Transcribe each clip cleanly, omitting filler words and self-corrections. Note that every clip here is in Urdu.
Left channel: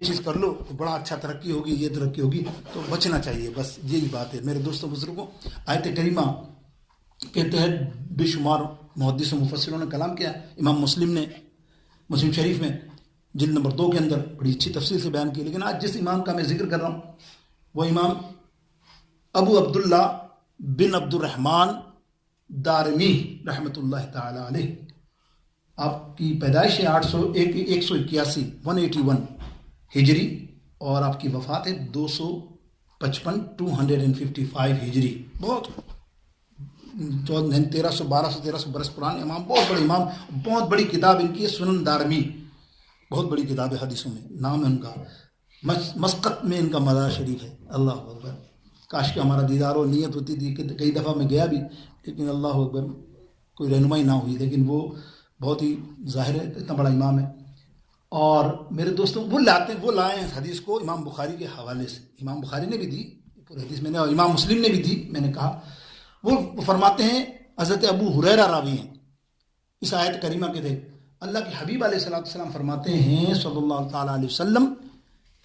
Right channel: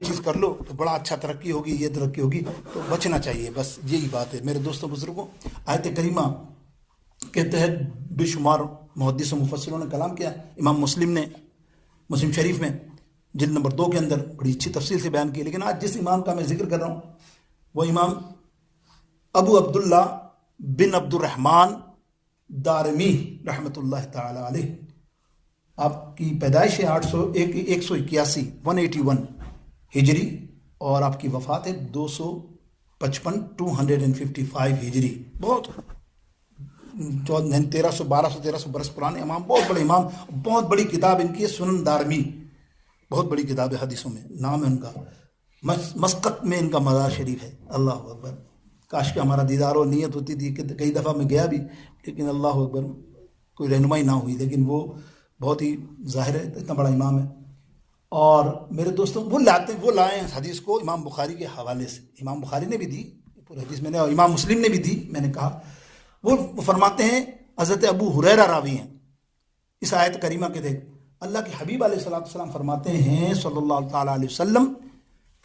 چیز کر لو تو بڑا اچھا ترقی ہوگی، یہ ترقی ہوگی، تو بچنا چاہیے، بس یہی بات ہے میرے دوستوں بزرگوں۔ آیت کریمہ کے تحت بے شمار محدث و مفسروں نے کلام کیا۔ امام مسلم نے مسلم شریف میں جلد نمبر 2 کے اندر بڑی اچھی تفصیل سے بیان کی، لیکن آج جس امام کا میں ذکر کر رہا ہوں وہ امام ابو عبداللہ بن عبد الرحمن دارمی رحمۃ اللہ تعالی علیہ۔ آپ کی پیدائش ہے 181 ہجری اور آپ کی وفات ہے 255 ہجری۔ بہت 1300 برس پرانے امام، بہت بڑے امام، بہت بڑی کتاب ان کی سنن دارمی، بہت بڑی کتاب ہے حدیثوں میں، نام ہے ان کا، مسقط میں ان کا مزار شریف ہے۔ اللہ اکبر، کاش کہ ہمارا دیدار و نیت ہوتی تھی کہ کئی دفعہ میں گیا بھی، لیکن اللہ اکبر کوئی رہنمائی نہ ہوئی، لیکن وہ بہت ہی ظاہر ہے اتنا بڑا امام ہے۔ اور میرے دوستوں وہ لائے ہیں حدیث کو امام بخاری کے حوالے سے، امام بخاری نے بھی دی پورے حدیث میں نے، اور امام مسلم نے بھی دی، میں نے کہا وہ فرماتے ہیں، حضرت ابو ہریرہ راوی ہیں اس آیت کریمہ کے تھے۔ اللہ کے حبیب علیہ الصلوۃ والسلام فرماتے ہیں صلی اللہ تعالیٰ علیہ وسلم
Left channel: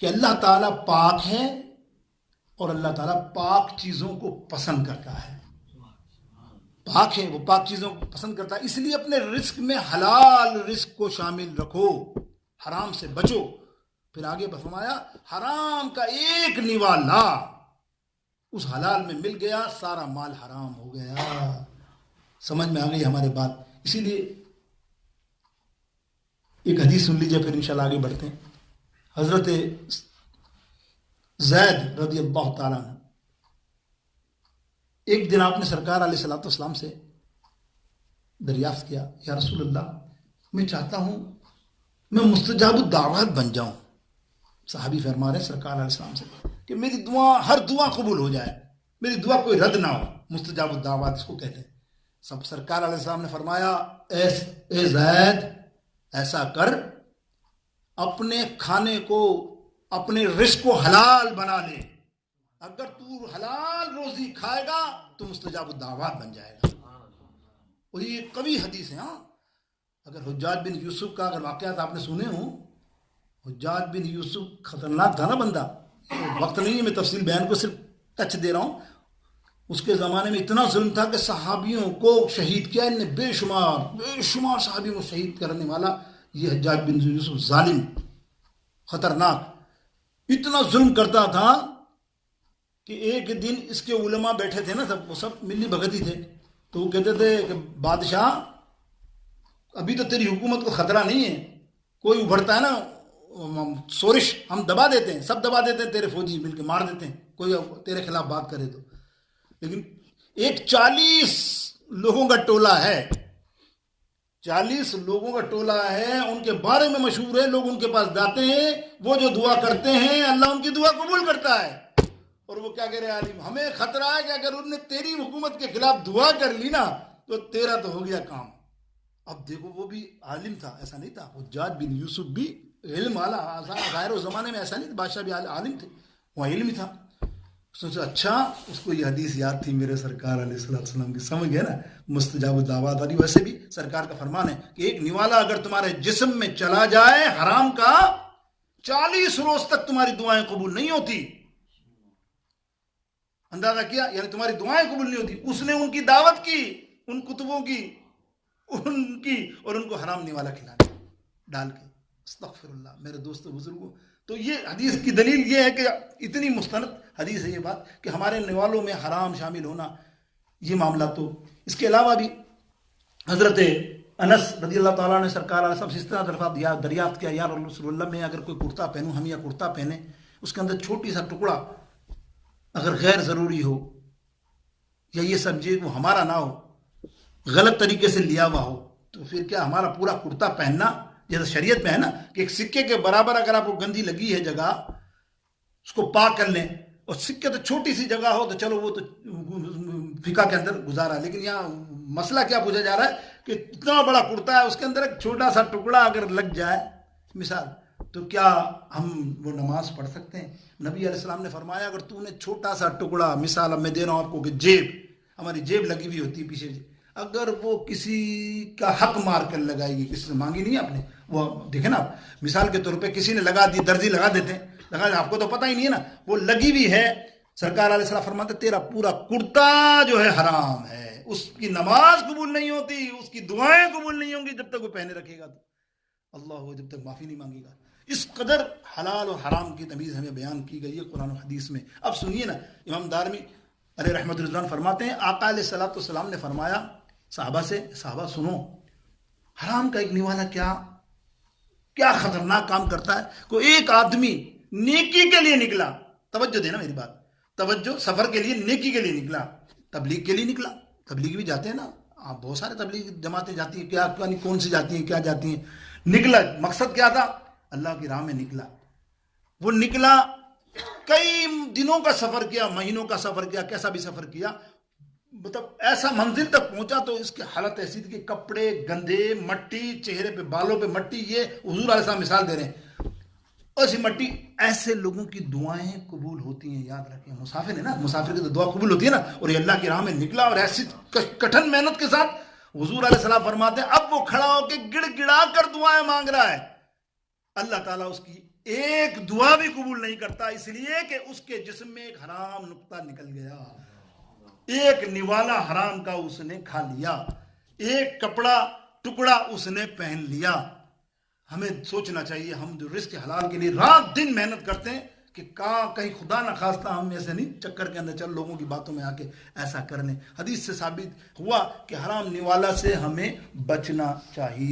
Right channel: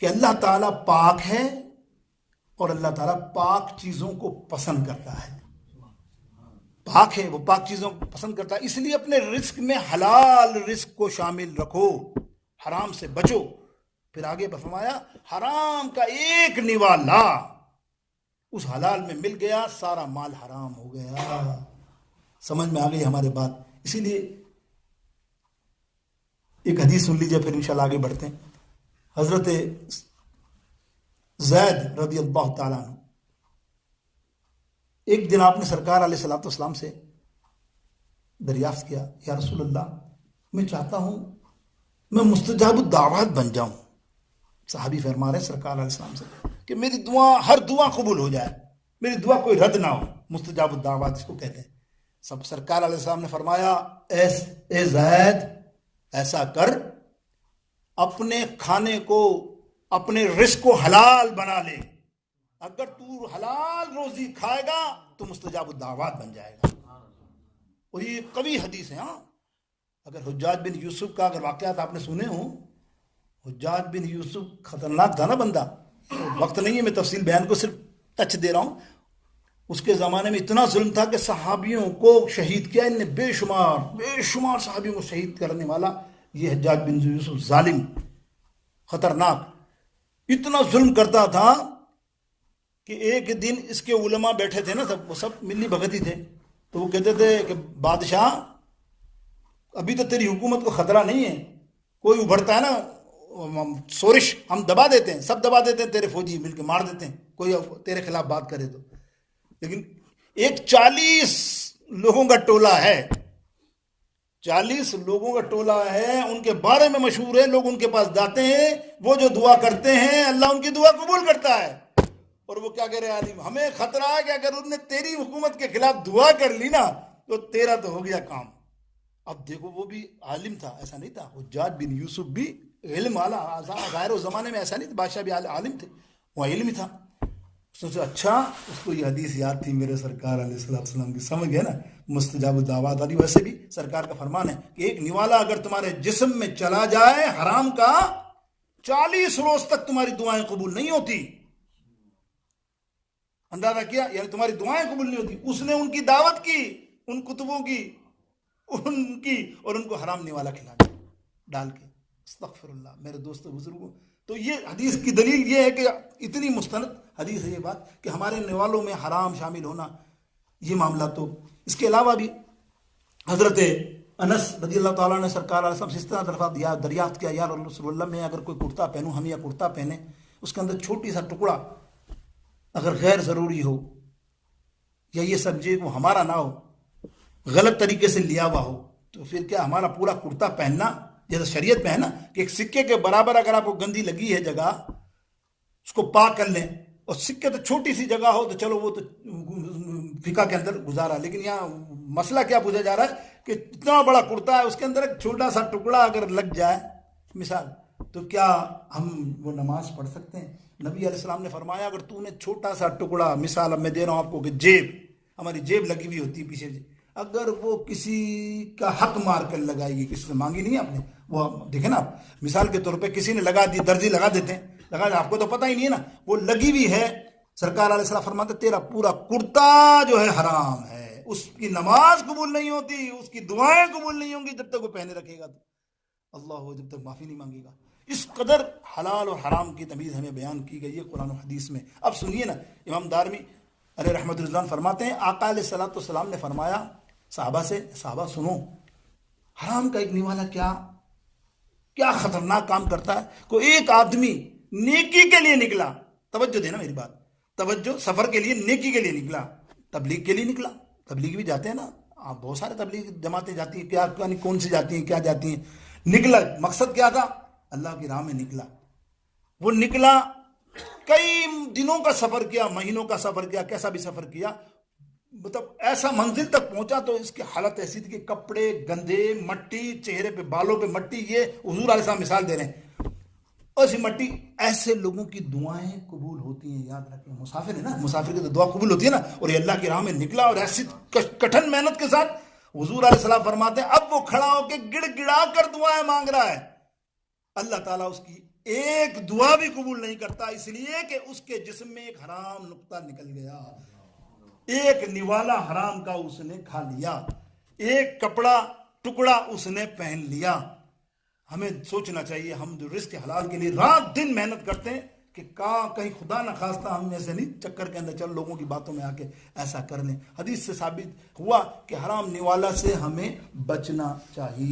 کہ اللہ تعالیٰ پاک ہے اور اللہ تعالیٰ پاک چیزوں کو پسند کرتا ہے۔ پاک ہے، وہ پاک چیزوں کو پسند کرتا ہے، اس لیے اپنے رزق میں حلال رزق کو شامل رکھو، حرام سے بچو۔ پھر آگے فرمایا حرام کا ایک نوالا اس حلال میں مل گیا، سارا مال حرام ہو گیا۔ سمجھ میں آ گئی ہمارے بات؟ اسی لیے ایک حدیث سن لیجیے، پھر انشاءاللہ آگے بڑھتے ہیں۔ حضرت زید رضی اللہ تعالیٰ عنہ، ایک دن آپ نے سرکار علیہ الصلوۃ والسلام سے دریافت کیا، یا رسول اللہ میں چاہتا ہوں میں مستجاب الدعوات بن جاؤں۔ صحابی فرما رہے ہیں سرکار علیہ السلام سے کہ میری دعا، ہر دعا قبول ہو جائے، میری دعا کوئی رد نہ ہو، مستجاب الدعوات اس کو کہتے ہیں۔ سب سرکار علیہ السلام نے فرمایا اے زید ایسا کر، اپنے کھانے کو، اپنے رزق کو حلال بنا لے، اگر تو حلال روزی کھائے گا تو مستجاب الدعوات بن جائے گا۔ اور یہ قوی حدیث ہے۔ ہاں، اگر حجاج بن یوسف کا اگر واقعات آپ نے سنے ہوں، حجاج بن یوسف خطرناک تھا نا بندہ، وقت نہیں ہے میں تفصیل بیان کو صرف ٹچ دے رہا ہوں۔ اس کے زمانے میں اتنا ظلم تھا کہ صحابیوں کو شہید کیا ان نے، بے شمار صحابیوں کو شہید کرنے والا یہ حجاج بن یوسف ظالم، خطرناک، اتنا ظلم کرتا تھا کہ ایک دن اس کے علماء بیٹھے تھے نا، وہ سب ملی بھگت ہی تھے، تو وہ کہتے تھے کہ بادشاہ ابھی تو تیری حکومت کو خطرہ نہیں ہے، کوئی ابھرتا ہے نا سورش، ہم دبا دیتے ہیں، سب دبا دیتے ہیں، تیرے فوجی مل کے مار دیتے ہیں کوئی تیرے خلاف بات کرے تو۔ لیکن ایک 40 لوگوں کا ٹولہ ہے، 40 لوگوں کا ٹولہ ہے، ان کے بارے میں مشہور ہے، لوگ ان کے پاس جاتے ہیں، وہ جو دعا کرتے ہیں اللہ ان کی دعا قبول کرتا ہے۔ اور وہ کیا کہہ رہے عالم، ہمیں خطرہ ہے کہ اگر انہوں نے تیری حکومت کے خلاف دعا کر لی نا تو تیرا تو ہو گیا کام۔ اب دیکھو وہ بھی عالم تھا، ایسا نہیں تھا، حجاج بن یوسف بھی علم والا، ظاہر و زمانے میں ایسا نہیں تھا، بادشاہ بھی عالم تھے، وہ علم ہی تھا۔ اس نے سوچا اچھا، اس کو یہ حدیث یاد تھی میرے سرکار علیہ السلام کی، سمجھ گئے نا مستجاب الدعوات والی۔ ویسے بھی سرکار کا فرمان ہے کہ ایک نوالا اگر تمہارے جسم میں چلا جائے حرام کا، 40 روز تک تمہاری دعائیں قبول نہیں ہوتی۔ اندازہ کیا، یعنی تمہاری دعائیں قبول نہیں ہوتی۔ اس نے ان کی دعوت کی، ان کتبوں کی، ان کی، اور ان کو حرام نوالا کھلا ڈال کے، استغفر اللہ۔ میرے دوستو بزرگوں، تو یہ حدیث کی دلیل یہ ہے کہ اتنی مستند حدیث ہے یہ بات کہ ہمارے نوالوں میں حرام شامل ہونا، یہ معاملہ۔ تو اس کے علاوہ بھی حضرت انس رضی اللہ تعالیٰ نے سرکار علیہ وسلم سے اس طرح دریافت کیا، یا رسول اللہ میں اگر کوئی کرتا پہنوں، ہم یا کرتا پہنے، اس کے اندر چھوٹی سا ٹکڑا اگر غیر ضروری ہو، یا یہ سمجھے وہ ہمارا نہ ہو، غلط طریقے سے لیا ہوا ہو، تو پھر کیا ہمارا پورا کرتا پہننا، جیسا شریعت میں ہے نا کہ ایک سکے کے برابر اگر آپ کو گندی لگی ہے جگہ، اس کو پاک کر لیں، اور سکے تو چھوٹی سی جگہ ہو تو چلو وہ تو فقہ کے اندر گزارا، لیکن یہاں مسئلہ کیا پوچھا جا رہا ہے کہ اتنا بڑا کرتا ہے، اس کے اندر ایک چھوٹا سا ٹکڑا اگر لگ جائے مثال، تو کیا ہم وہ نماز پڑھ سکتے ہیں؟ نبی علیہ السلام نے فرمایا اگر تو نے چھوٹا سا ٹکڑا، مثال اب میں دے رہا ہوں آپ کو کہ جیب، ہماری جیب لگی ہوئی ہوتی ہے پیچھے، اگر وہ کسی کا حق مار کر لگائے گی، کسی سے مانگی نہیں آپ نے، وہ دیکھیں نا آپ مثال کے طور پہ کسی نے لگا دی، درزی لگا دیتے ہیں، لگا آپ کو تو پتہ ہی نہیں ہے نا، وہ لگی ہوئی ہے، سرکار علیہ السلام فرماتے تیرا پورا کرتا جو ہے حرام ہے، اس کی نماز قبول نہیں ہوتی، اس کی دعائیں قبول نہیں ہوں گی جب تک وہ پہنے رکھے گا، تو اللہ جب تک معافی نہیں مانگے گا۔ اس قدر حلال اور حرام کی تمیز ہمیں بیان کی گئی ہے قرآن و حدیث میں۔ اب سنیے نا، امام دارمی علیہ رحمۃ رضوان فرماتے ہیں آقا علیہ الصلوۃ والسلام نے فرمایا صحابہ سے، صحابہ سنو، حرام کا ایک نوالا کیا خطرناک کام کرتا ہے۔ کوئی ایک آدمی نیکی کے لیے نکلا، توجہ دینا میری بات، توجہ، سفر کے لیے، نیکی کے لیے نکلا، تبلیغ کے لیے نکلا، تبلیغ بھی جاتے ہیں نا آپ، بہت سارے تبلیغ جماعتیں جاتی ہیں، کیا کون سی جاتی ہیں، کیا جاتی ہیں، نکلا، مقصد کیا تھا؟ اللہ کی راہ میں نکلا، وہ نکلا، کئی دنوں کا سفر کیا، مہینوں کا سفر کیا، کیسا بھی سفر کیا، مطلب ایسا منزل تک پہنچا تو اس کی حالت ایسی تھی کہ کپڑے گندے، مٹی چہرے پہ، بالوں پہ مٹی، یہ حضور علیہ السلام مثال دے رہے ہیں، ایسی مٹی، ایسے لوگوں کی دعائیں قبول ہوتی ہیں، یاد رکھیں، مسافر ہے نا، مسافر کی تو دعا قبول ہوتی ہے نا، اور یہ اللہ کی راہ میں نکلا اور ایسی کٹھن محنت کے ساتھ، حضور علیہ السلام فرماتے ہیں اب وہ کھڑا ہو کے گڑ گڑا کر دعائیں مانگ رہا ہے، اللہ تعالیٰ اس کی ایک دعا بھی قبول نہیں کرتا، اس لیے کہ اس کے جسم میں ایک حرام نقطہ نکل گیا، ایک نوالا حرام کا اس نے کھا لیا، ایک کپڑا ٹکڑا اس نے پہن لیا۔ ہمیں سوچنا چاہیے، ہم جو رزق حلال کے لیے رات دن محنت کرتے ہیں، کہ کہیں خدا نہ خواستہ ہم ایسے نہیں چکر کے اندر چل لوگوں کی باتوں میں آ کے ایسا کرنے۔ حدیث سے ثابت ہوا کہ حرام نوالا سے ہمیں بچنا چاہیے۔